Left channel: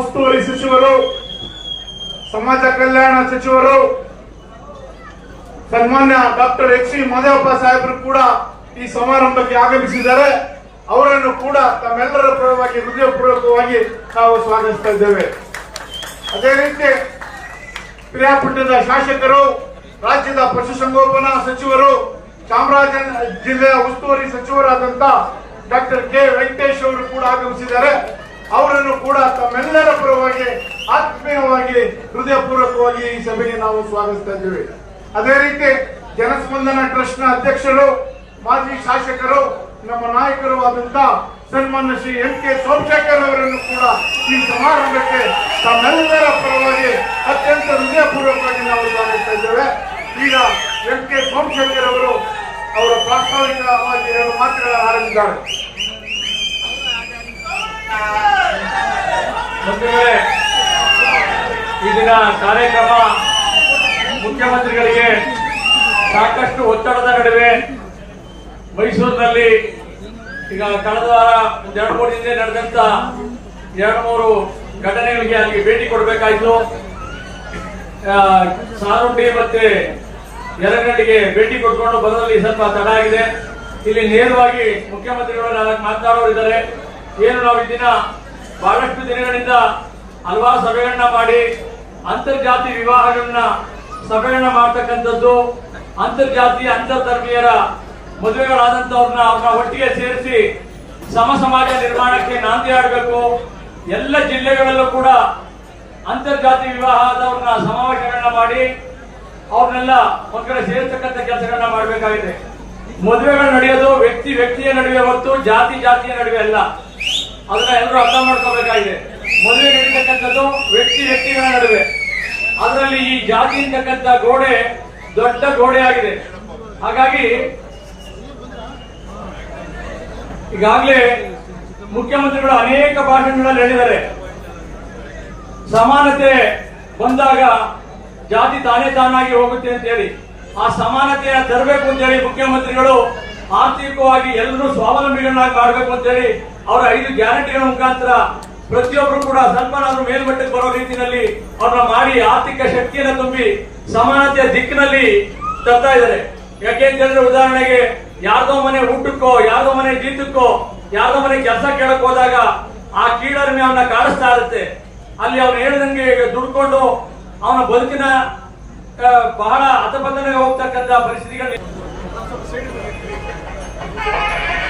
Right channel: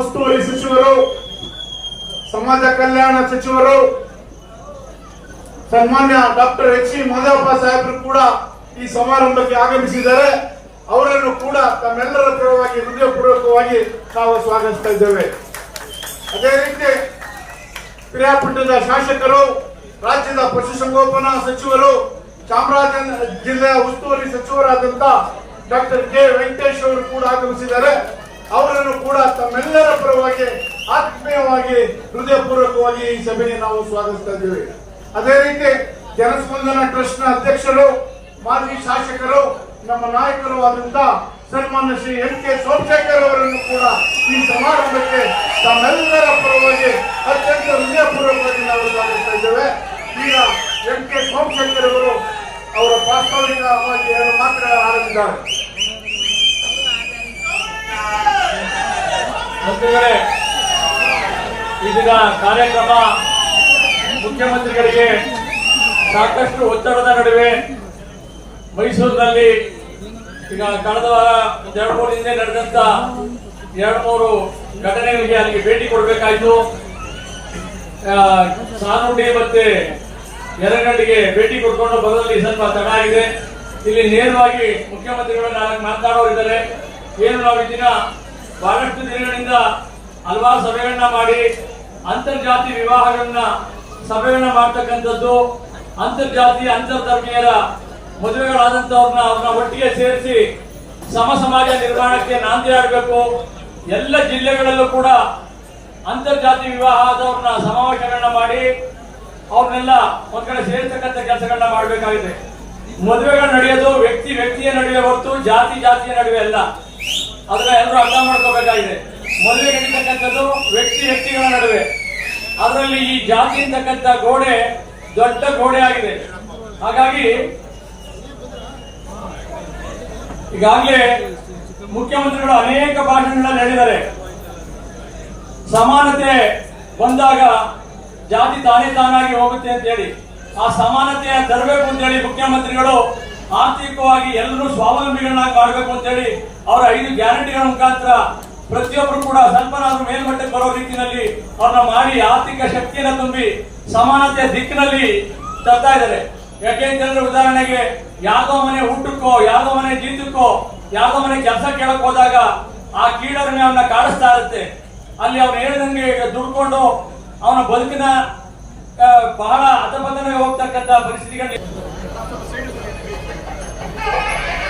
ಉಸ್ತುವಾರಿ ಸಚಿವರು, ಸಮಾಜ ಕಲ್ಯಾಣ ಸಚಿವರು, ಸನ್ಮಾನ್ಯ ಡಾಕ್ಟರ್ ಎಚ್ ಸಿ ಮಾದೇವಪ್ಪ ಸಾಹೇಬರು ಕೂಡ ಈ ಸಮಾರಂಭಕ್ಕೆ ಆಗಮಿಸಿದ್ದಾರೆ. ಅವರನ್ನು ಕೂಡ ತಮ್ಮೆಲ್ಲರ ಪರವಾಗಿ ಹೃದಯಪೂರ್ವಕವಾಗಿ ನಾವು ಸ್ವಾಗತಿಸ್ತಾ ಇದ್ದೇವೆ. ಅದೇ ರೀತಿ ಪಿರಿಯಾಪಟ್ಟಣದ ಶಾಸಕರು, ರಾಜ್ಯದ ಪಶುಸಂಗೋಪನಾ ಸಚಿವರು ಚಾಮರಾಜನಗರ ಜಿಲ್ಲೆಯ ಉಸ್ತುವಾರಿ ಸಚಿವರಾದಂತ ಡಾಕ್ಟರ್ ಕೆ ವೆಂಕಟೇಶ್ ಅವರು ಕೂಡ ಆಗಮಿಸಿದ್ದಾರೆ. ಅವರನ್ನು ಕೂಡ ತಮ್ಮೆಲ್ಲರ ಪರವಾಗಿ ಆತ್ಮೀಯವಾಗಿ, ಹೃದಯಪೂರ್ವಕವಾಗಿ ಈ ಸಭೆಗೆ ನಾವು ಸ್ವಾಗತಿಸ್ತಾ ಇದ್ದೇವೆ. ಅದೇ ರೀತಿ ಜನಸ್ಪಂದನ ಟ್ರಸ್ಟ್ನ ಅಧ್ಯಕ್ಷರು, ಮಾಜಿ ಶಾಸಕರು, ನಮ್ಮ ನಾಯಕರು ಆದಂತ ಸನ್ಮಾನ್ಯ ಶ್ರೀ ಎಂ ಕೆ ಸೋಮಶೇಖರ್ ಅವರನ್ನು ಕೂಡ ಈ ಸಮಾರಂಭಕ್ಕೆ ತಮ್ಮೆಲ್ಲರ ಪರವಾಗಿ ಅತ್ಯಂತ ಹೃದಯಪೂರ್ವಕವಾಗಿ ನಾವು ಸ್ವಾಗತಿಸ್ತಾ ಇದ್ದೇವೆ. ಈಗ ಎಂ ಕೆ ಸೋಮಶೇಖರ್ ಅವರು ಅವರ ಪ್ರಾಸ್ತಾವಿಕವಾಗಿ ಎರಡು ಮಾತುಗಳ ಆರಂಭಿಸಿದ್ದಾರೆ ಬಂಧುಗಳೇ, ಈ ಕಾರ್ಯಕ್ರಮ ಮುಖ್ಯಮಂತ್ರಿಗಳಿಗೆ ಸಾಕಷ್ಟು ಒತ್ತಡದ ನಡುವೆ ಮೈಸೂರಿನಲ್ಲಿ ಈಗ ಕಳೆದ ವಾರ ಎರಡು ಮೂರು ಹಿಂದೆ ನಡೆದಂತ ಎರಡು ಮೂರು ಘಟನೆಗಳಿಗೆ ಅಲ್ಲಿ ಭೇಟಿ ಕೊಡಬೇಕಾಯಿತು. ಸಾನುಂಡಿ ಮತ್ತೆ ಯರಗಂಡಿಗೆ ಭೇಟಿ ಕೊಟ್ಕೊಂಡು ಬರೋದಲ್ಲಿ ಸ್ವಲ್ಪ ತಡ ಆಗಿದೆ. ಇಲ್ಲಿ ನೇರವಾಗಿ ಮುಖ್ಯಮಂತ್ರಿಗಳು ನಾಲ್ಕು ಮಾತನಾಡೋರಿದ್ದಾರೆ ಏನು ನಾವು ದಿನ ಬಹಳಷ್ಟು ದಿನಗಳಿಂದ ಹಲವಾರು ಸಭೆಗಳನ್ನ ಮಾಡಿ ಅಂತರ್ಜಾತಿ ವಿವಾಹಗಳನ್ನ ಸಭೆಗಳನ್ನ ಮಾಡ್ತಕ್ಕಂಥದ್ದು, ಅಂತರ್ಜಾತಿ, ಅಂತರ್ಧರ್ಮೀಯರ ಮದುವೆಗಳಾದಂತವ್ರನ್ನ ಅವ್ರನ್ನ ಒಟ್ಟಿಗೆ ಸೇರಿಸಿ ಸಮ ಸಮಾಜ ನಿರ್ಮಾಣಕ್ಕೆ ನಾಂದಿ ಆಡಬೇಕು ಎಲ್ಲ ಜಿಲ್ಲೆಗಳಲ್ಲೂ ಕೂಡ ಅಂತರ್ಜಾತಿ ವಿವಾಹ ಆದವ್ರನ್ನ ಸಮಾವೇಶಗಳನ್ನ ಮಾಡಿ ಅವ್ರನ್ನೆಲ್ಲ ಒಂದ್ ಕಡೆ ಸೇರ್ತಕ್ಕಂಥ ಕೆಲಸಗಳನ್ನ ಮಾಡಬೇಕಾಗಿದೆ. ಮದುವೆಗಳು ನಡೆಯೋದು ವ್ಯಕ್ತಿ ವ್ಯಕ್ತಿಯ ನಡುವೆ ಹೊರತು ಜಾತಿ ಜಾತಿಯ ನಡುವೆ ಅಲ್ಲ. ಅದನ್ನ ಎಲ್ಲರೂ ಅರ್ಥ ಮಾಡ್ಕೋಬೇಕಾಗಿದೆ. ಮದುವೆ ನಡೀತಕ್ಕಂಥದ್ದು ವ್ಯಕ್ತಿ ವ್ಯಕ್ತಿಗಳ ನಡುವೆ. ಅದರಲ್ಲಿ ಈ ಜಾತಿ ಅಂತಕ್ಕಂಥ ಗೋಡೆ ದೊಡ್ಡ ಗೋಡೆ ಆಗಿದೆ. ಹಾಗಾಗಿ ಈಗಾಗಲೇ ಮುಖ್ಯಮಂತ್ರಿಗಳು ಅನೇಕ ಭಾಷಣಗಳಲ್ಲಿ ಹೇಳಿದ್ದಾರೆ. ಸಮಾನತೆ ಬಂದಾಗ ಜಾತಿ ತಾನೇ ತಾನಾಗಿ ಹೋಗುತ್ತೆ ಅಂತ ಹೇಳಿ ಆ ಸಮಾನತೆಯ ತರಬೇಕು ಅಂತ ಹೇಳಿ ಮುಖ್ಯಮಂತ್ರಿಗಳು ಆರ್ಥಿಕವಾಗಿ ಎಲ್ಲರೂ ಸ್ವಾವಲಂಬಿಗಳನ್ನಾಗಿ ಮಾಡಬೇಕು ಅಂತ ಹೇಳಿ ಅವರ ಐದು ಗ್ಯಾರಂಟಿಗಳ ಮುಖಾಂತರ ಪ್ರತಿಯೊಬ್ಬರು ಕೂಡ ಸ್ವಲ್ಪನಾದ್ರೂ ಮೇಲ್ಮಟ್ಟಕ್ಕೆ ಬರೋ ರೀತಿಯಲ್ಲಿ ಅವ್ರನ್ನ ಮಾಡಿ ಆರ್ಥಿಕ ಶಕ್ತಿಯನ್ನು ತುಂಬಿ ಸಮಾನತೆಯ ದಿಕ್ಕಿನಲ್ಲಿ ತರ್ತಾ ಇದ್ದಾರೆ. ಯಾಕೆ ಅಂತ ಹೇಳಿದ್ರೆ ಉದಾಹರಣೆಗೆ ಯಾರ್ದೋ ಮನೆ ಊಟಕ್ಕೋ ಯಾರ್ದೋ ಮನೆ ಜೀತಕ್ಕೋ ಯಾರ್ದೋ ಮನೆ ಕೆಲಸ ಕೇಳಕ್ ಹೋದಾಗ ಆ ಕೀಳರಿಮೆ ಅವನ್ನ ಕಾಡಿಸ್ತಾ ಇರುತ್ತೆ. ಅಲ್ಲಿ ಅವ್ನು ಹೇಳಿದಂಗೆ ದುಡ್ಕೊಂಡು ಅವನ ಬದುಕಿನ ಬಹಳ ಅಧಪತನಕ್ಕೆ ಹೋಗ್ತಕ್ಕಂತ ಪರಿಸ್ಥಿತಿಗಳು Yeah.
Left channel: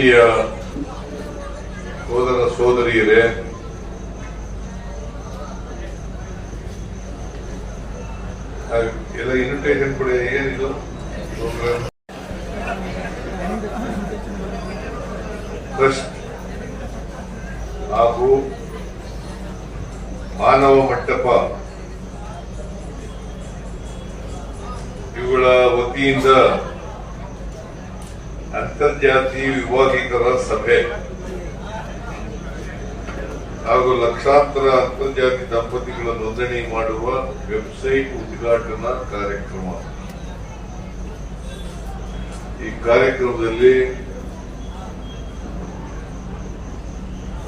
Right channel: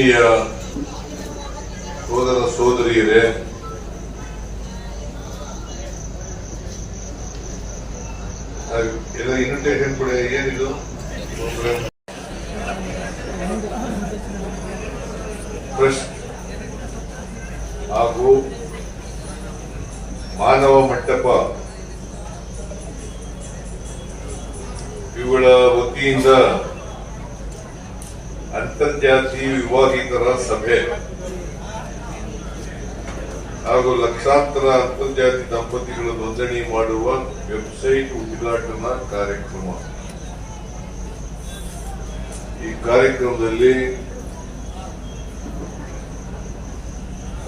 ಆತ್ಮೀಯ ಸೋದರ ಸೋದರಿಯರೇ ಎಲ್ಲ ಇನ್ವಿಟೇಷನ್ ಕೂಡ ದಂಪತಿಗಳ ನೋಂದಣಿ ಮಾಡುವ ವೆಬ್ಸೈಟ್ ಉದ್ಘಾಟನಾ ಕಾರ್ಯಕ್ರಮ. ಈ ಕಾರ್ಯಕ್ರಮದಲ್ಲಿ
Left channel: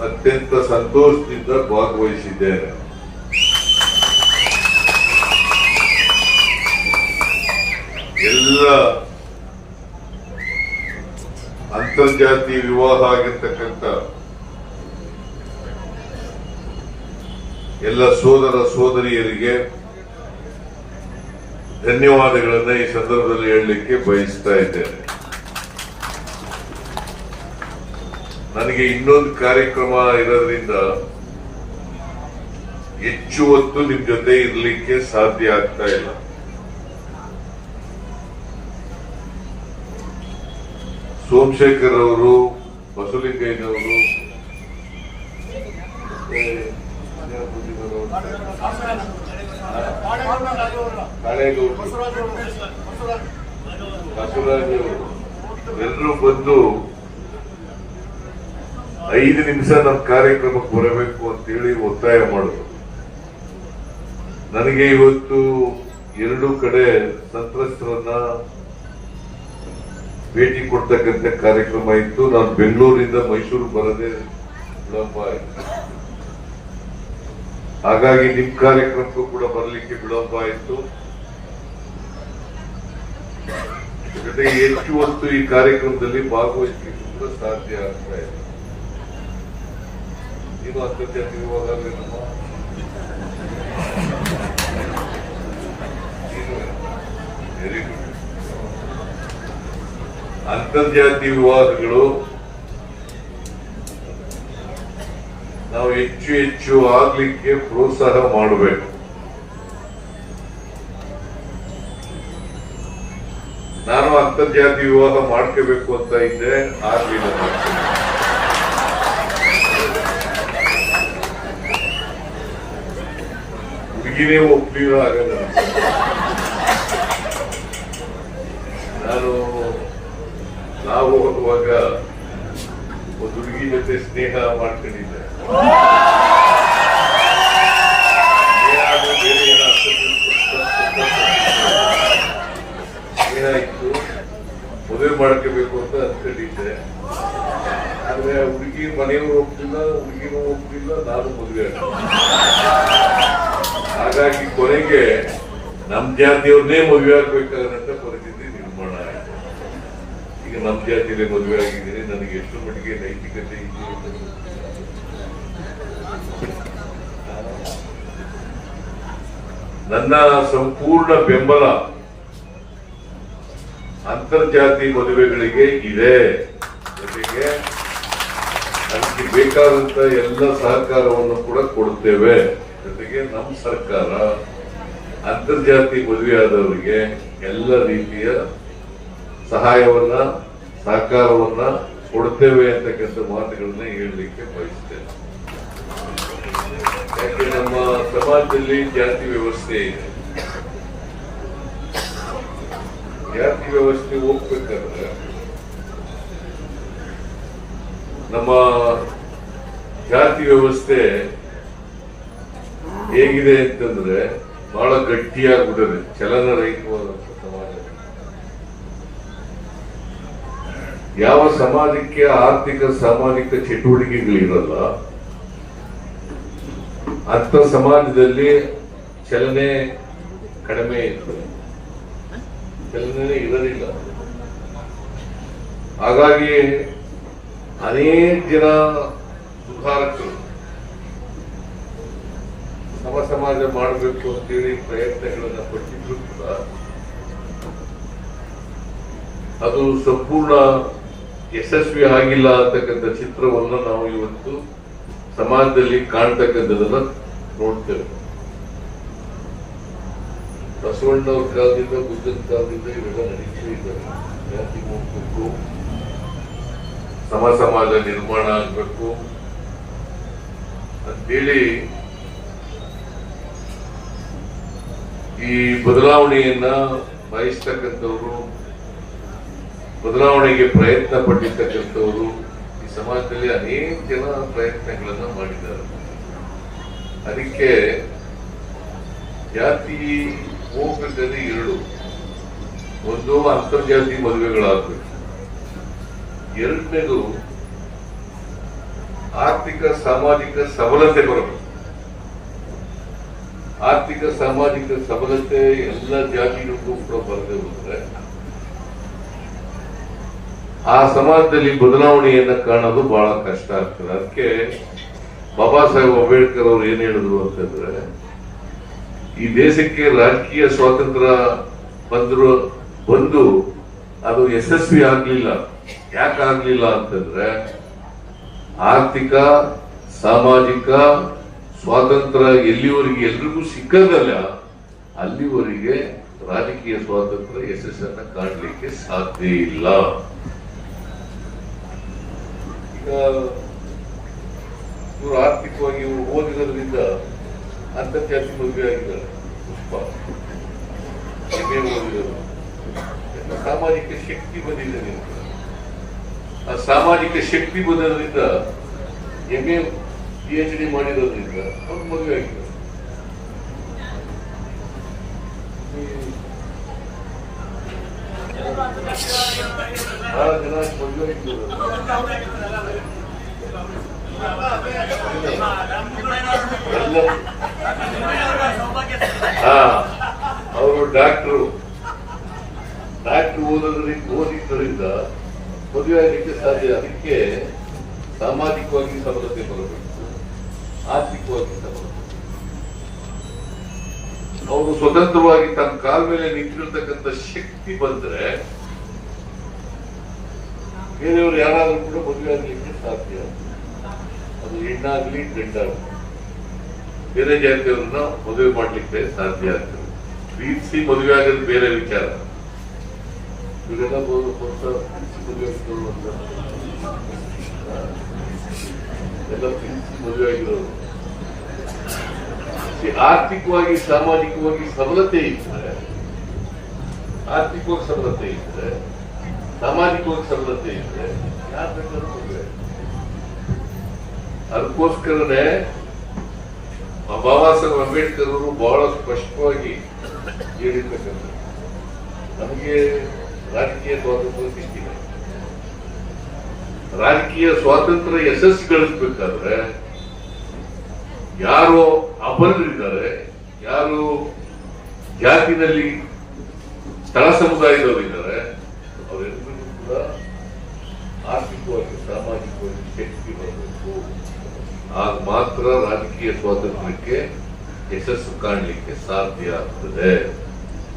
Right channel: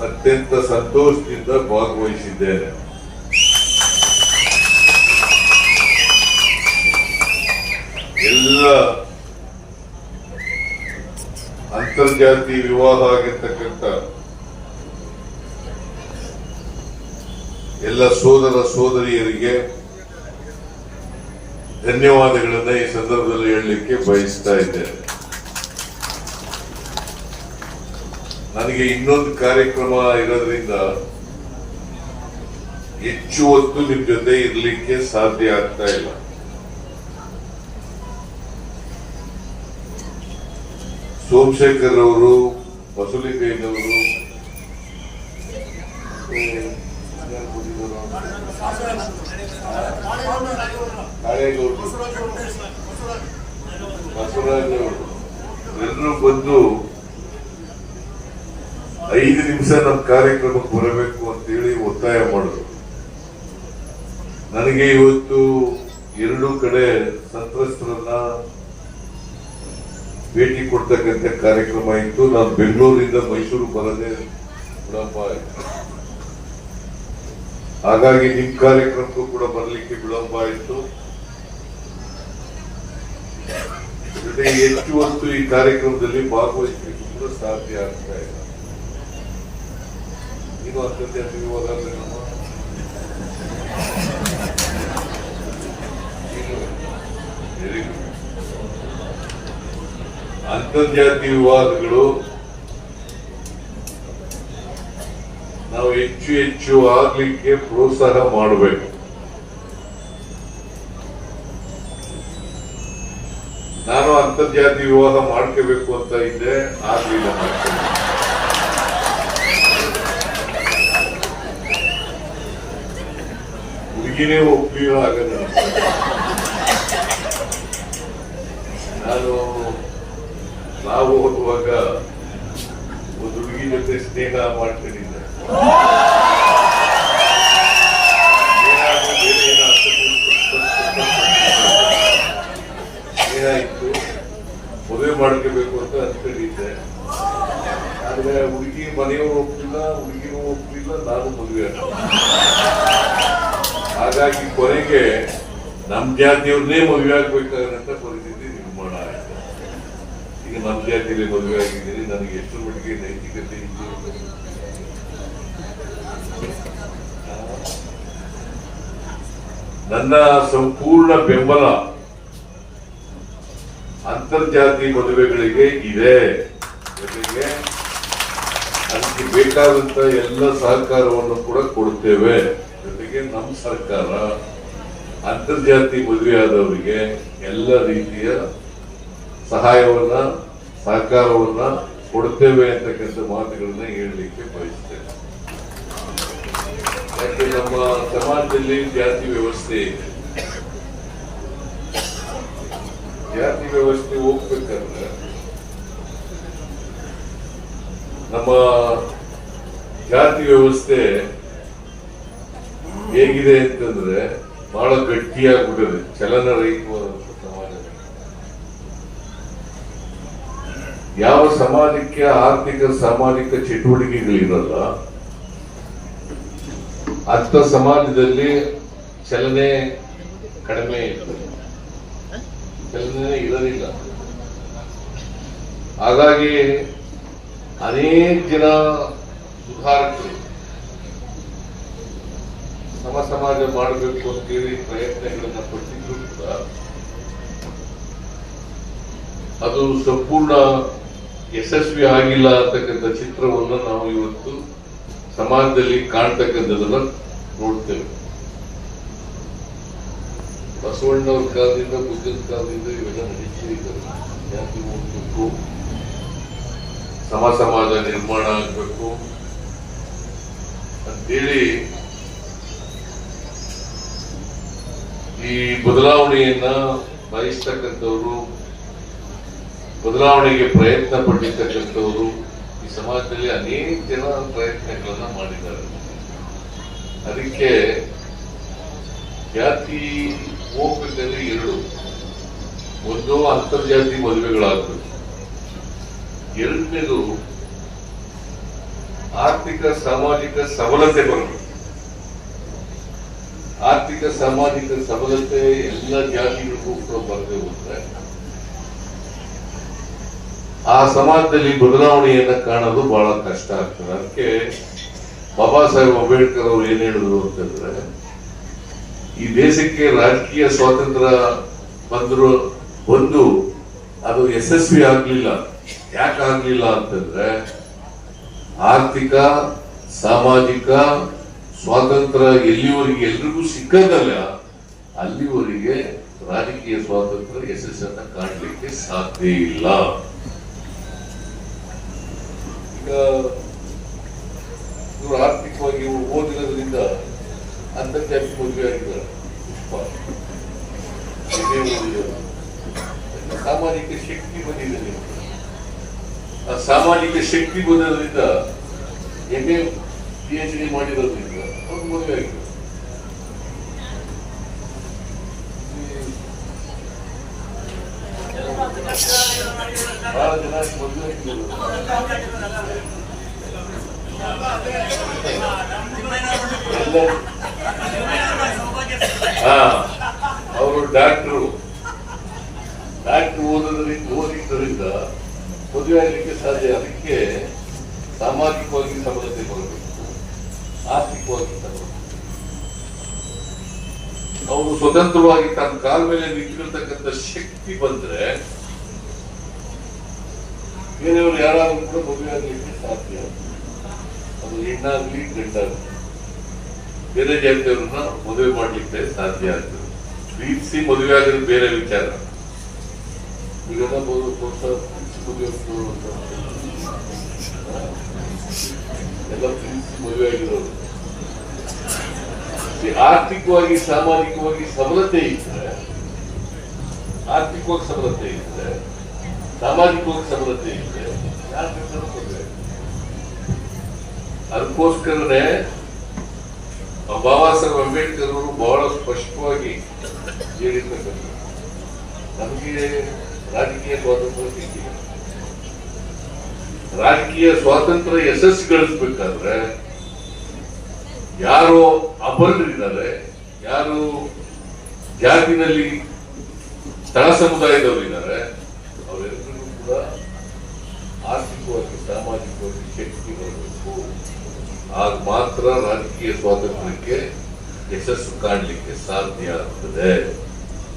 ಅತ್ಯಂತ ಸಂತೋಷದಿಂದ ಭಾಗವಹಿಸಿದ್ದೇನೆ. ಎಲ್ಲ ಅಂತರ್ಜಾತಿ ವಿವಾಹ ಆಗಿರ್ತಕ್ಕಂಥ ಎಲ್ಲ ಸೋದರ ಸೋದರಿಯರಿಗೆ ಧನ್ಯವಾದಗಳನ್ನು ಈ ಸಂದರ್ಭದಲ್ಲಿ ಹೇಳಲಿಕ್ಕೆ ಬಯಸ್ತಾ ಇದ್ದೇನೆ. ನನಗೆ ಇನ್ನೊಂದು ಕಾರ್ಯಕ್ರಮ ಇರೋದ್ರಿಂದ ಹೆಚ್ಚು ಹೊತ್ತು ನಿಮ್ ಜೊತೆ ಇರಲಿಕ್ಕೆ ಸಾಧ್ಯ ಆಗ್ತಾ ಇಲ್ಲ. ಸೋಮಶೇಖರ್ ಅವರು, ಬಸವಲಿಂಗಯ್ಯನವರು ಏ, ಯಾರು ಬಂದಿದ್ದಾರೆ ಅವರು? ಕಾಳೇಗೌಡರು ಬಸವರಾಜ್ ಎಲ್ಲರೂ ಬಂದು ಐದು ನಿಮಿಷ ನಮ್ಮ ಕಾರ್ಯಕ್ರಮಕ್ಕೆ ಬರಬೇಕು ಅಂತೇಳಿ ಒತ್ತಾಯ ಮಾಡಿದ್ರು. ನನಗೆ ಇವತ್ತು ಎರಡು ಕಡೆ ಸಂತ್ರಸ್ತರನ್ನ ಭೇಟಿ ಕೊಡ್ತಕ್ಕಂಥ ಕಾರ್ಯಕ್ರಮ ಇತ್ತು. ನಾನು ಬೆಂಗಳೂರಿಂದ ಮೈಸೂರು ಬರದೆ ಆಯ್ತು ಹಾಗಾಗಿ ನಿಮ್ ಕಾರ್ಯಕ್ರಮಕ್ಕೂ ಕೂಡ ಬರಲಿಕ್ಕೆ ವಿಳಂಬ ಆಯಿತು. ಜೊತೆಗೆ ಹೆಚ್ಚು ಹೊತ್ತು ಈ ಕಾರ್ಯಕ್ರಮದಲ್ಲಿ ಭಾಗವಹಿಸಲಿಕ್ಕೆ ಕೂಡ ಸಾಧ್ಯ ಆಗ್ತಾ ಇದೆ. ನೀವು ಅತ್ಯಂತ ವಿವಾಹದಲ್ಲಿ ನಮ್ಮ ಅಂತರ್ಜಾತಿ ವಿವಾದಗಳು ನಾವು ಹೆಚ್ಚು ಹೆಚ್ಚು ಆಗ್ಲಿಕ್ಕೆ ಪ್ರೋತ್ಸಾಹ ಮಾಡಬೇಕು. ನಾನು ಅಂತರ್ಜಾತಿ ವಿವಾಹ ಮಾಡ್ಕೋಬೇಕು ಅಂತ ಇದ್ದೆ ಆಗ್ಲಿಲ್ಲ. ಹುಡುಗಿನೇ ಒಪ್ಲಿಲ್ಲ ಆಗಲ್ಲ ನಾನು ನಾವು ಹೋಗುವಾಗ ಒಂದು ಹುಡುಗಿ ಜೊತೆ ಸ್ನೇಹ ಮಾಡ್ಕೊಂಡಿದ್ದೆ ಸ್ನೇಹ ಆದ್ಮೇಲೆ ಬೇರೆ ಏನೋ ಅರ್ಥ ಸ್ನೇಹ ಇತ್ತು ಮದುವೆ ಮಾಡ್ಕೋಬೇಕು ಅಂತ ಅನ್ಕೊಂಡಿದ್ದೆ. ಆದ್ರೆ ಹುಡುಗಿ ಮನೆಯವರು ಒಪ್ಪಿಲ್ಲ ಹುಡುಗಿನೂ ಒಪ್ಪಿಲ್ಲ ನಾನು ಮದುವೆ. ಹಾಗಾಗಿ ಕೊನೆಗೆ ನಮ್ಮ ಜಾತಿಯವ್ರನ್ನೇ ಮದುವೆ ಆಗ್ಬೇಕಾದಂತ ಪರಿಸ್ಥಿತಿ ನಿರ್ಮಾಣ ಆಯ್ತು. ಈಗ ನಮ್ಮ ಜಾತಿಯಲ್ಲಿ ಮದುವೆ ಆಗಿದ್ದೀನಿ, ನನಗೆ ಎಷ್ಟು ಮಟ್ಟಿಗೆ ನೈತಿಕತೆ ಇದೆ ನನ್ನ ಸಂಪೂರ್ಣ ಬೆಂಬಲ ಅಂತರ್ಜಾತಿ ಮದುವೆಗಳಿಗೆ ಇದೆ. ಜೊತೆಗೆ ನಮಗೆ ಬೇಕಾದಂತ ಎಲ್ಲ ಸಹಕಾರವನ್ನು ಕೂಡ ಕೊಡುತ್ತೇವೆ. ಜೊತೆಗೆ ನಮ್ಮ ಸರ್ಕಾರ ಅಂತರ್ಜಾತಿ ಮದುವೆಯಾದವರಿಗೆ ಎಲ್ಲ ರೀತಿಯ ಸಹಾಯವನ್ನ, ಸಹಕಾರವನ್ನ ಕೊಡ್ತೇವೆ ಅಂತಕ್ಕಂಥ ಮಾತುಗಳನ್ನ ಹೇಳಲಿಕ್ಕೆ ಬಯಸ್ತೇನೆ. ಯಾಕೆ ನಮ್ಮ ಸಮಾಜದಲ್ಲಿ ಜಾತಿ ವ್ಯವಸ್ಥೆ ಜಾತಿ ವ್ಯವಸ್ಥೆ ಹೋಗ್ಬೇಕಂದ್ರೆ ನಮ್ಮ ಜಾತಿ ವ್ಯವಸ್ಥೆ ಹೇಗಿದೆ ಅಂತಂದ್ರೆ ಬಹಳ ಗಟ್ಟಿಯಾಗ್ಬಿಟ್ಟಿದೆ. ಚಲನರಹಿತವಾದಂತ ಸಮಾಜ. ಯಾವ ಸಮಾಜಕ್ಕೆ ಆರ್ಥಿಕ, ಸಾಮಾಜಿಕ ಚಟುವಟಿಕೆಗಳಿರಲ್ಲ ಅಂತ ಸಮಾಜದಲ್ಲಿ ಚಲನೆ ಕಡಿಮೆ ಇತ್ತು ಚಲನೆ ಇರಲಿಲ್ಲ ಹಾಗಾಗಿ ಅನೇಕ ಜನ ಸುಧಾರಕರು ಸಮ ಸಮಾಜ ಮಾಡಬೇಕು ಅಂತೇಳಿ ಪ್ರಯತ್ನಗಳನ್ನ ಪಟ್ಟಿದ್ರು ಕೂಡ ಅದು ಸಂಪೂರ್ಣ ಯಶಸ್ವಿ ಆಗಿಲ್ಲ ಅಂತಕ್ಕಂಥ ಚಿತ್ರವನ್ನು ನಾವು ಇವತ್ತು ಸಮಾಜದಲ್ಲಿ ಕಾಣ್ತಕ್ಕಂಥದನ್ನ ನೋಡ್ತೇವೆ. ಬಸವಣ್ಣವ್ರ ಕಾಲದಿಂದ ಬುದ್ಧನ ಕಾಲದಿಂದ ಇವೆಲ್ಲ ನಡೀತಾ ಇದ್ದಾವೆ ಜಾತಿ ಸಮ ಸಮಾಜ ನಿರ್ಮಾಣ ಆಗಬೇಕು. ಅಂತೇಳಿ ಈ ಬದಲಾವಣೆಯನ್ನ ಬಯಸ್ತಕ್ಕಂಥವ್ರು, ಬದಲಾವಣೆಗೆ ಪ್ರಯತ್ನ ಪಟ್ಟಿರ್ತಕ್ಕಂಥವ್ರು ಸಮಾಜದಲ್ಲಿ ಅನೇಕ ಜನ ಪ್ರಯತ್ನಗಳನ್ನ ಮಾಡಿದ್ದಾರೆ. ಅದಕ್ಕೆ ಜಾತಿ ಹೋಗ್ಬೇಕಲ್ಲಿ ಎರಡು, ಒಂದು ಅಂತರ್ಜಾತಿ ಮದುವೆಗಳಾಗಬೇಕು. ಎರಡನೇದು ಆರ್ಥಿಕ ಸಾಮಾಜಿಕ ಸಬಲತೆ ಬರಬೇಕು. ಆರ್ಥಿಕ ಸಾಮಾಜಿಕ ಸಬಲತೆ ಎಲ್ಲ ಜಾತಿಗಳಿಗೂ ಕೂಡ ಬರದೆ ಹೋದ್ರೆ ಆ ಸಮಾಜದಲ್ಲಿ ಬದಲಾವಣೆಯನ್ನ ಕಾಣೋದು ಬಹಳ ಕಷ್ಟ ಆಗ್ತದೆ. ಅದಕ್ಕೆ ಬಾಬಾ ಸಾಹೇಬ್ ಅಂಬೇಡ್ಕರ್ ಅವರು ಏನ್ ಹೇಳಿದ್ರು ಅಂತಂದ್ರೆ, ಈ ದೇಶಕ್ಕೆ ರಾಜಕೀಯ ಸ್ವಾತಂತ್ರ್ಯ ಬಂದ್ರು, ಬಂದು ಅದು ಯಶಸ್ವಿ ಆಗ್ಲಿಲ್ಲ. ಯಾಕಾಗ್ಲಿಲ್ಲ ಅಂತಂದ್ರೆ, ಆರ್ಥಿಕ, ಸಾಮಾಜಿಕ ಸ್ವಾತಂತ್ರ್ಯ ಎಲ್ಲಿವರೆಗೆ ಎಲ್ರಿಗೂ ಸಿಕ್ಕದಲ್ಲ ಅಲ್ಲಿವರೆಗೆ ರಾಜಕೀಯ ಸ್ವಾತಂತ್ರ್ಯ ಯಶಸ್ಸನ್ನ ಕಾಣಲಿಕ್ಕೆ ಸಾಧ್ಯ ಇಲ್ಲ. ಇವರು ಆರ್ಥಿಕವಾಗಿ ಓದಿರೋದ್ರಿಂದ ಅಂತರ್ಜಾತಿ ಮದುವೆ ಆಗಿದ್ದಾರೆ ಪುಷ್ಪ MA ಓದಿದವರು. ಸಾಮಾಜಿಕ ಶಕ್ತಿ ಬಂದಿದೆ. ಆ ಸಾಮಾಜಿಕ ಶಕ್ತಿ ಬಂದಿರೋದ್ರಿಂದ M A P H D ಮಾಡಿರೋದ್ರಿಂದ ಅವ್ರು ಮದುವೆ ಆಗಿದ್ದಾರೆ ಮದುವೆ ಆಗಿದ್ದಾರೆ ಅವರು ಡಾಕ್ಟ್ರು. ಡಾಕ್ಟ್ರು ಓದೋದ್ರಿಂದ ಓದಿದ್ದರಿಂದ ಮದುವೆ ಆಗಲಿಕ್ಕೆ ಸಾಧ್ಯ. ಅದಕ್ಕೆ ಸಾಮಾಜಿಕವಾಗಿ ಸಬಲತೆ ಕೊಡಬೇಕು. ಆರ್ಥಿಕವಾಗಿ ಅವರು ಸ್ವತಂತ್ರವಾಗಿ ತನ್ನ ಕಾಲ ಮೇಲೆ ನಿಂತಿರತಕ್ಕಂಥ ಶಕ್ತಿ ಬಂದ್ರೆ ಬೇರೆಯವರು ಯಾರಾದರೂ ಕೂಡ ಮದುವೆ ಆಗಲಿಕ್ಕೆ ಸಾಧ್ಯ. ಹೆಣ್ಣಾಗ್ಲಿ ಗಂಡಾಗ್ಲಿ ಬೇರೆ ಜಾತಿಯವ್ರನ್ನ ಮದುವೆ ಮಾಡ್ಲಿಕ್ಕೆ ಸಾಧ್ಯ ಆಗ್ತದೆ. ಪ್ರೀತಿಸಿ ಮದುವೆ ಆಗೋದು ಬೇರೆ ವಿಚಾರ. ಈಗೆಲ್ಲ ಎಲ್ಲ ಪ್ರೀತಿಸಿ ಮದುವೆ ಆಗಿರೋರು. ಆರ್ಥಿಕವಾಗಿ, ಸಾಮಾಜಿಕವಾಗಿ ಸಬಲತೆ ಇದ್ರೆ, ಆರ್ಥಿಕವಾಗಿ ಸಬಲತೆ ಇದ್ರೆ, ಸಾಮಾಜಿಕವಾಗಿ ಸಬಲತೆ ಇದ್ರೆ, ಯಾರು ಬೇಕಾದ್ರೂ. ಅದಕ್ಕೋಸ್ಕರನೇ ಬಾಬಾ ಸಾಹೇಬ್ ಅಂಬೇಡ್ಕರ್ ಅವರು ಬಹಳ ಸ್ಪಷ್ಟವಾಗಿ ಹೇಳಿರ್ತಕ್ಕಂಥ ನಮಗೆ ರಾಜಕೀಯ ಸ್ವಾತಂತ್ರ್ಯ ಸಿಕ್ಕಿಲ್ಲ ರಾಜಕೀಯ ಸ್ವಾತಂತ್ರ್ಯ ಯಶಸ್ಸು ಗಳಿಸ್ಬೇಕಾದ್ರೆ ಯಾರು ಅಪರರಿದ್ದಾರೆ ಯಾರು ಜಾತಿನಲ್ಲಿ ತಳ ಸಮುದಾಯದವರಿದ್ದಾರೆ, ಅವರೆಲ್ಲರಿಗೂ ಕೂಡ ಆರ್ಥಿಕವಾಗಿ, ಸಾಮಾಜಿಕವಾಗಿ ಶಕ್ತಿ ಬರಬೇಕು. ಆಗ ಮಾತ್ರ ರಾಜಕೀಯ ಸ್ವಾತಂತ್ರ್ಯಕ್ಕೆ ಯಶಸ್ಸು ಕಾಣಲಿಕ್ಕೆ ಸಾಧ್ಯ ಆಗ್ತದೆ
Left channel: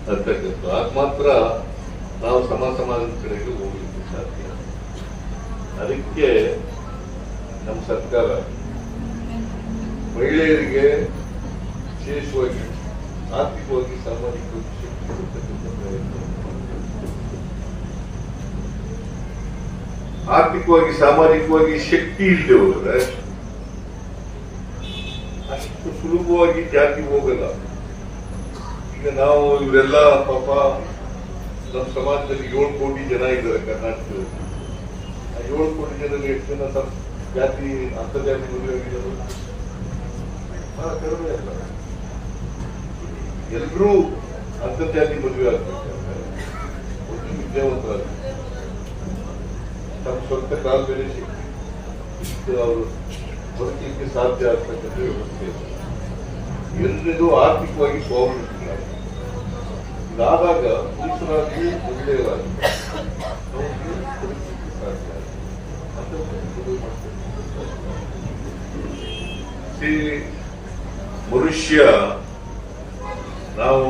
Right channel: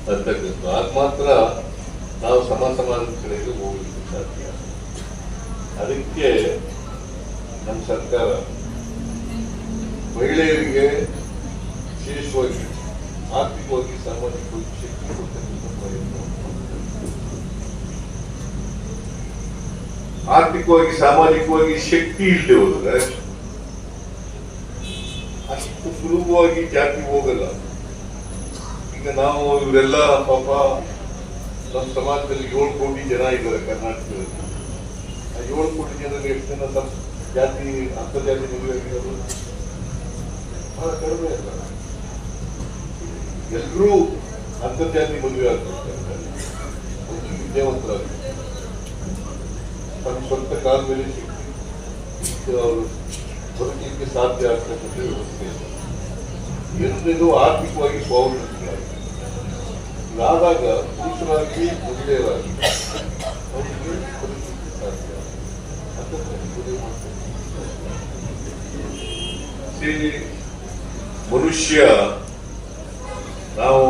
ಅಂತಕ್ಕಂಥ ಆಗ ಮಾತ್ರ ನಾವು ಸಮ ಸಮಾಜದ ಕಡೆಗೆ ಹೋಗ್ಲಿಕ್ಕೆ ಸಾಧ್ಯ ಅದಕ್ಕೆ ನಮ್ಮ ಸರ್ಕಾರ ಮಹಿಳೆಯರಿಗೆ ವಿಶೇಷವಾಗಿ ಆರ್ಥಿಕವಾಗಿ ಸಾಮಾಜಿಕವಾಗಿ ಶಕ್ತಿ ಕೊಡ್ತಕ್ಕಂಥ ಪ್ರಯತ್ನ ಆರ್ಥಿಕವಾಗಿ, ಸಾಮಾಜಿಕವಾಗಿ ಶಕ್ತಿ ಇಲ್ಲದೆ ಹೋದ್ರೆ ಸುಲಭವಾಗಿ ಜಾತಿ ಹೋಗಲ್ಲ. ಈಗ ನಾವು ಇವರೆಲ್ಲ ಪಾಪ ನಮ್ಮ ಸಮಾಜದಲ್ಲಿ ಏಳು ಕೋಟಿ ಜನ ಇದ್ದಾರೆ ಕರ್ನಾಟಕದಲ್ಲಿ. ಆ ಏಳು ಕೋಟಿ ಜನರಿಗೆ ಎಷ್ಟು ಜನ ನಮ್ಮ ಜಾತಿ ಅಂತರ್ಜಾತಿ ಮದುವೆ ಆಗಿರೋದು ಬಹಳ ಕಡಿಮೆ ಅಲ್ಲ. ಎಲ್ಲರೂ ಅಂತರ್ಜಾತಿ ಮದುವೆ ಆಗ್ಬೇಕಾದ್ರೆ ಒಂದು ವಿದ್ಯಾವಂತರಾಗಬೇಕು. ತಮ್ಮ ಸ್ವಂತ ಕಾಲ ಮೇಲೆ ಶಕ್ತಿ, ಅವರು ಬದುಕಲಿಕ್ಕೆ ಸಾಧ್ಯ ಆಗ್ತಕ್ಕಂಥ ವ್ಯವಸ್ಥೆ ಎರಡನೇದು ಆರ್ಥಿಕವಾಗಿ ಸ್ವಾವಲಂಬಿ ನಾವಾಗ ಪುರುಷರಾಗಿ ಮಹಿಳೆಯರಾಗಿ ಮನುಷ್ಯ, ನಾವು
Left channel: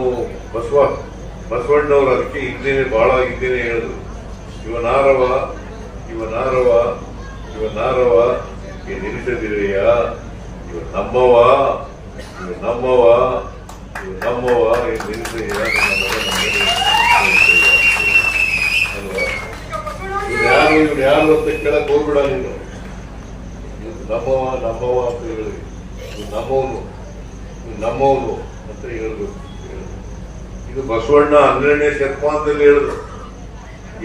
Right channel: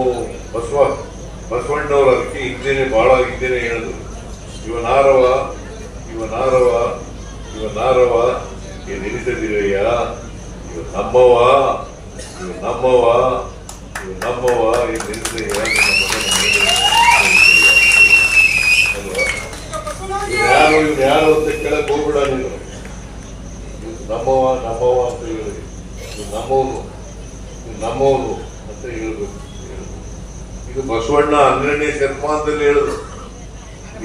ಬಸವ, ಬಸವಣ್ಣವರು ಅದಕ್ಕೆ ಹಿಂದೆನೆ ಬಹಳ ಹಿಂದೆನೆ ಹೇಳಿದ್ರು. ಇವನಾರವ ಇವನಾರವ ಇವನಾರವ ಏ ನಿಲ್ಲಿಸದಿರಯ್ಯ ಇವ ನಮ್ಮವ ಇವ ನಮ್ಮವ ಇವ ನಮ್ಮವ ಮಗ ನಮಗೆ ಅಲ್ವಾ? ಇವ್ರು ಯಾರು ಅಂತ ಕೇಳಕ್ ಹೋಗ್ಬಿಡ ನೀನು ನಮ್ಮವ ನಮ್ಮವ ಅಂತ ಹೇಳಿ. ಇವ್ನು ನಮ್ಮವನು ನಮ್ಮವನು ಅಂತ ಹೇಳ್ಬೇಕು ಇದು ಬಸವಣ್ಣ ಹನ್ನೆರಡನೇ ಶತಮಾನದಲ್ಲಿ ಹೇಳಿದ್ರು.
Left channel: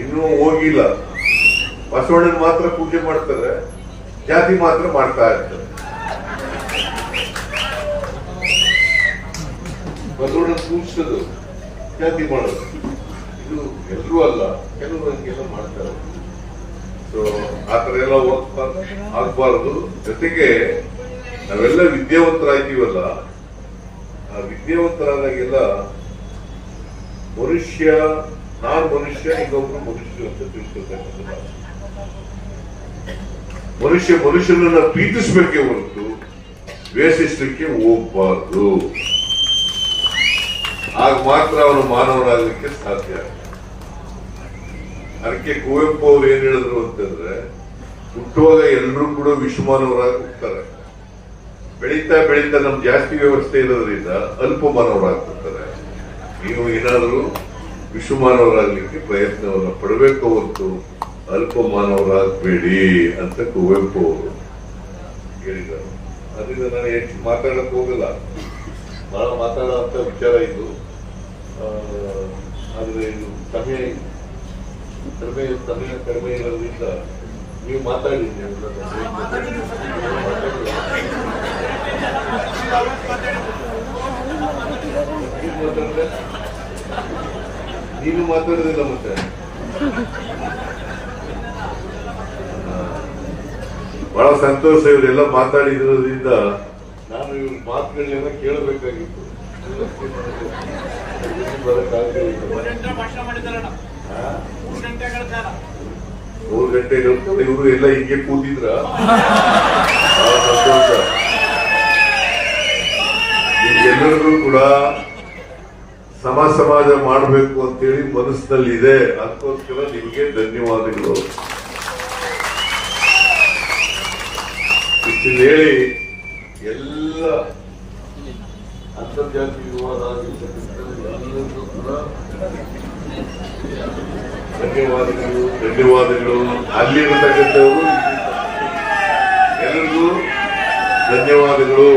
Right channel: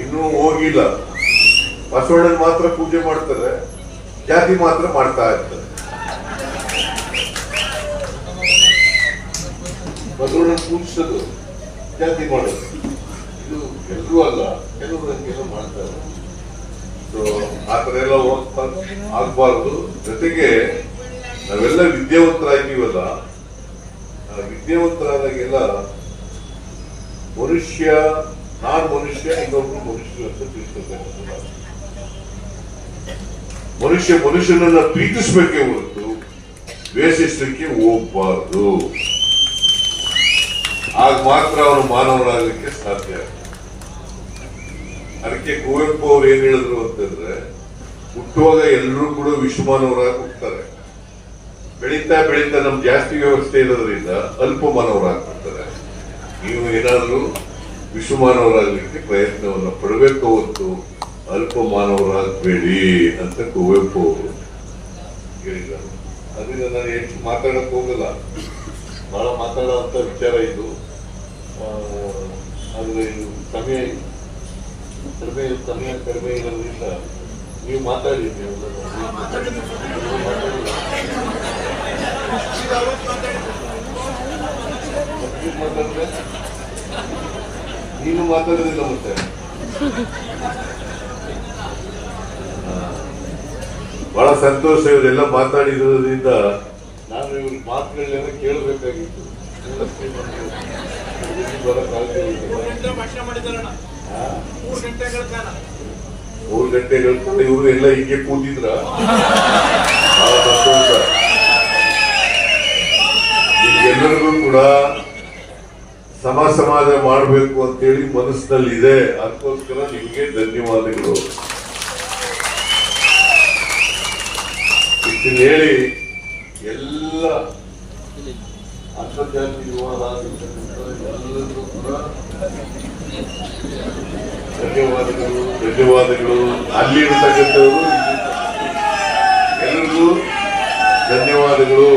ಇನ್ನೂ ಹೋಗಿಲ್ಲ. ಬಸವಣ್ಣನ ಮಾತ್ರ ಪೂಜೆ ಮಾಡ್ತಾರೆ, ಜಾತಿ ಮಾತ್ರ ಮಾಡ್ತಾ ಇರ್ತಾರೆ. ಬಸವಣ್ಣನ ಸೂಚಿಸೋದು ಜಾತಿ ಮಾಡೋದು. ಇದು ಎಲ್ಲರೂ ಅಲ್ಲ ಕೆಲವರು ಹಂಗೆಲ್ಲ ಮಾಡ್ತಾರೆ. ಸೊ ಆ ಥರ ಎಲ್ಲ ಹೋಗ್ತಾ ಆಗಬಾರ್ದು. ಜೊತೆಗೆ ನಾವೆಲ್ಲ ವಿದ್ಯಾವಂತರಾಗಿವಲ್ಲ, ಆ ವಿದ್ಯಾವಂತರಾದಾಗೆಲ್ಲ ಮನುಷ್ಯ, ನಾನ್ ಮನುಷ್ಯ, ಇನ್ನೊಬ್ರು ಮನುಷ್ಯರು ಅಂತ ತಿಳ್ಕೊಳ್ಬೇಕು ಮನುಷ್ಯ ಮನುಷ್ಯನನ್ನ ಪ್ರೀತಿಸ್ಬೇಕೇ ಹೊರತು ವೇಷಿಸ್ಲಿಕ್ಕೆ ಹೋಗ್ಬಾರ್ದು. ಆಗ ಮಾತ್ರ ಅವರು ಮಾನವರಾಗಲಿಕ್ಕೆ ಸಾಧ್ಯ. ಅದಕ್ಕೆ ಕುವೆಂಪು ಅವ್ರು ಏನ್ ಹೇಳಿದ್ರು ಅಂತಂದ್ರೆ, ಹುಟ್ಟುವಾಗ ಎಲ್ಲರೂ ಕೂಡ ವಿಶ್ವಮಾನವರಾಗಿ ಹುಟ್ಟುತ್ತಾರೆ ಬೆಳೀತಾ ಬೆಳೀತಾ ನಮ್ ಜಾಸ್ತಿ ವ್ಯವಸ್ಥೆ ಇರೋದ್ರಿಂದ ಅಲ್ಪ ಮಾನವರಾಗ್ತಿರ್ತಾರೆ ನೀವು ಏನಾದರೂ ವಿಶ್ವಮಾನವರಾಗಲಿಕ್ಕೆ ಪ್ರಯತ್ನವನ್ನು ಪಡಬೇಕು ಹೊತ್ತು ಅಲ್ಪ ಮಾನವರಾಗಬೇಡಿ ಅಂತ ಕುವೆಂಪು ಅವರು ಹೇಳಿದರು. ಅದರಿಂದ ನಾನು ಹೆಚ್ಚು ಮಾತಾಡಕ್ ಹೋಗಲ್ಲ. ಬಹಳ ಮಾತಾಡುವಂತ ವಿಚಾರ ಇದು. ಆದ್ರೆ ಸಮಯ ಕಡಿಮೆ ಸಮಯ ಕಡಿಮೆ ಇರೋದ್ರಿಂದ ನೀವು ಮಾತಾಡಿ ನೀವೆಲ್ಲ. ಏನ್ ಮಾತಾಡ್ದೆ? ನೀನು ಮಾತಾಡೋದಿಲ್ಲ ಮತ್ತೆ ಬಹಳ ಸಂತೋಷ ಇವರೆಲ್ಲ ಮಾತಾಡಿರೋದ್ರಿಂದ ನಾನು ಇವ್ರ ಮಾತುಗಳನ್ನೆಲ್ಲ ಕೇಳಬೇಕಾಗಿತ್ತು ಮೂರು ಗಂಟೆ ಹೇಳ್ಕೊಂಡು ಇವರು ಎಲ್ಲ ಹೀಗೆ ಕೂತಿದ್ರ? ಸಂತೋಷ ಎಲ್ಲರಿಗೂ ಕೂಡ ಸಮ ಸಮಾಜ ಮಾಡಬೇಕು ಅಂತೇಳಿ ಮನಸ್ಸಿನಲ್ಲಿ ಇದೆ ಅದಕ್ಕೋಸ್ಕರ ನಿಮಗೆ ಧನ್ಯವಾದಗಳು. ಹೇಳಿ ಎಲ್ಲ ಅಂತರ್ಜಾತಿ ವಿವಾದ ಧನ್ಯವಾದಗಳು ಧನ್ಯವಾದಗಳು. ಅಲ್ಲಿರತಕ್ಕಂಥವರು ಎಲ್ರಿಗೂ ಧನ್ಯವಾದಗಳು.